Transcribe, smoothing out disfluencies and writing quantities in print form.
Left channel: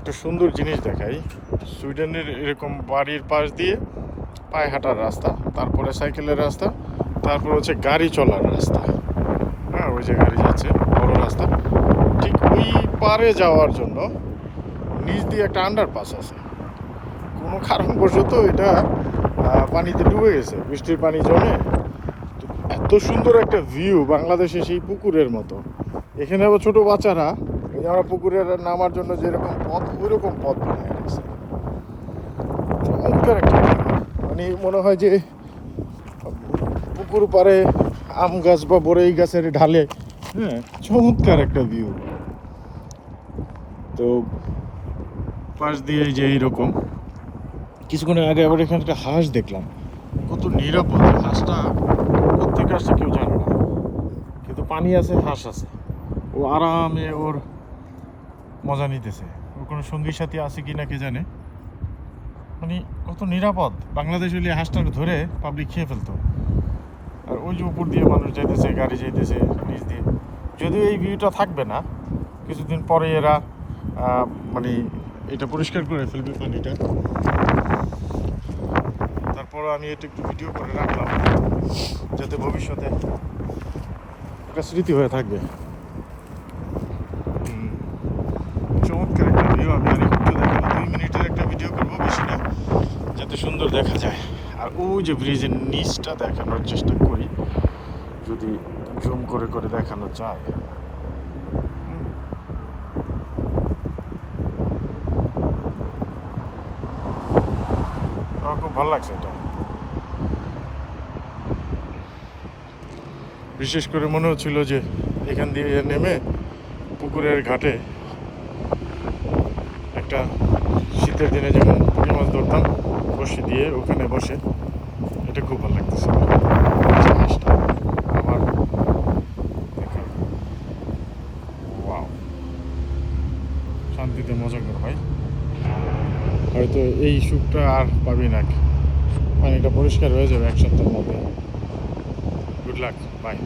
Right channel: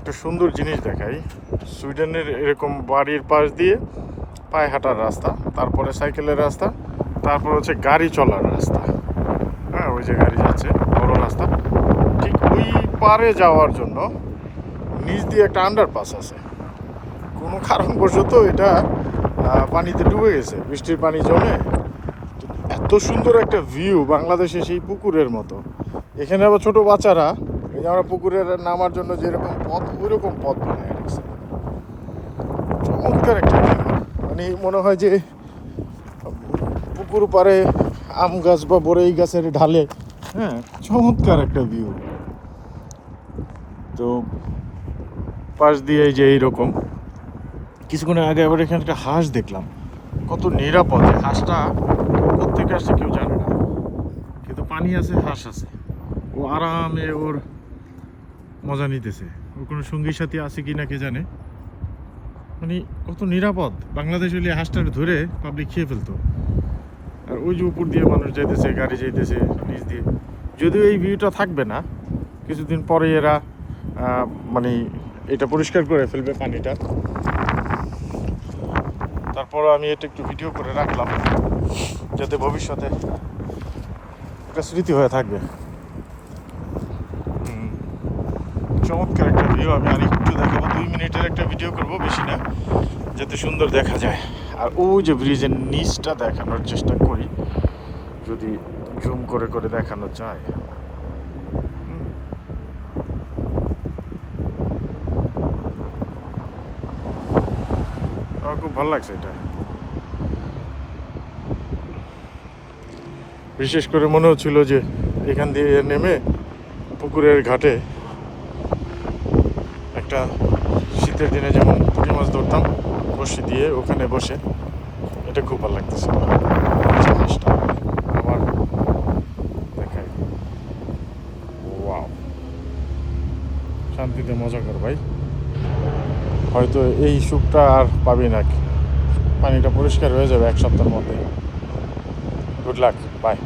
একটা সুন্দর জিনিস দেখাই। সুইডেনের এরকম বাড়ির পাশ দিয়ে পায়ে হাঁটার রাস্তা, তারপরে সাইকেলের রাস্তা, তারপর হচ্ছে গাড়ি চলার রাস্তা। হ্যাঁ, ওই যে গাড়ি যাচ্ছে বড় রাস্তা, ঠিক ওই পারে যাওয়ার জন্য নিচ দিয়ে একটা আন্ডারপাস আছে। কোনো কারণবশত এটা পানিতে ডুবে গেছে, বৃষ্টির পানি জমে। এত সুন্দর একটা ভিউ, বাংলাদেশে সেই পুকুরের মতো। এখানে আবার ছোটো বাচ্চারা এই যে আমরা পুকুরের নামার জন্য যেরকম পথ, ওই রকম পথ বানিয়ে রাখছে। চমৎকার একটা ভিউ, মানে মনে হয় যে পুকুর পাড়ে আম গাছ বা বড়ই গাছের ঢালে। হ্যাঁ, চমৎকার একটা ভিউ। তো পাশ দিয়ে যে এইরকম কিছুক্ষণ আগে আবার এখানে একটা হাঁস দেখলাম। কত নিরাপদ হাঁসটা, কোত্থেকে আসছে কেউ জানে না, কিন্তু পানি আছে, হাঁস আছে, ও আরামে ওর মজা নিতেছে। ওর কোনো সঙ্গী সাথী আছে কি না কে জানে। মানে কত নিরাপদ। বাংলাদেশ হলে হাঁসটার ধরে পাবলিক খেয়ে ফেলতো। আর ওই যে উপর দিয়ে মানুষ যাইতেছে, গাড়ি যাইতেছে নিচ দিয়ে। যদিও এই ভিউটা থাকবে না, কিছুদিন পরে এরা মানে এটা পরিষ্কার করে ফেলবে পানিটা। তারপর আমি এটা একটু ভিডিও করে রাখলাম, যাতে ভবিষ্যতে এটা স্মৃতি হয়ে থাকবে। চমৎকার একটা ভিডিও। আমি আর একটু দেখাবো, 2 মিনিটের একটা ভিডিও করবো, বেশি না, যাতে সুন্দর দেখা যায়। আর ওই যে ব্রিজের নিচটা দেখানোর চেষ্টা করি, যদি জুম করে করে দেখানো যায়। আমার খুব ভালো লাগছে এটা। বিশেষ করে মনে হচ্ছিল যে এখান দিয়ে নেমে পুকুরের ঘাটে একটা শীতের দিনে যেমন পুঁটি মাছ ধরতাম বসে দিয়ে, ওখানে বসে, এটা খুব ভালো লাগতেছে। শান্তিতে মজা কর ভাই, হয়তো এই সুখটা আর পাবি না। পানিটা পরিষ্কার হয়ে যাবে 1 সপ্তাহের মধ্যে। Good luck, by.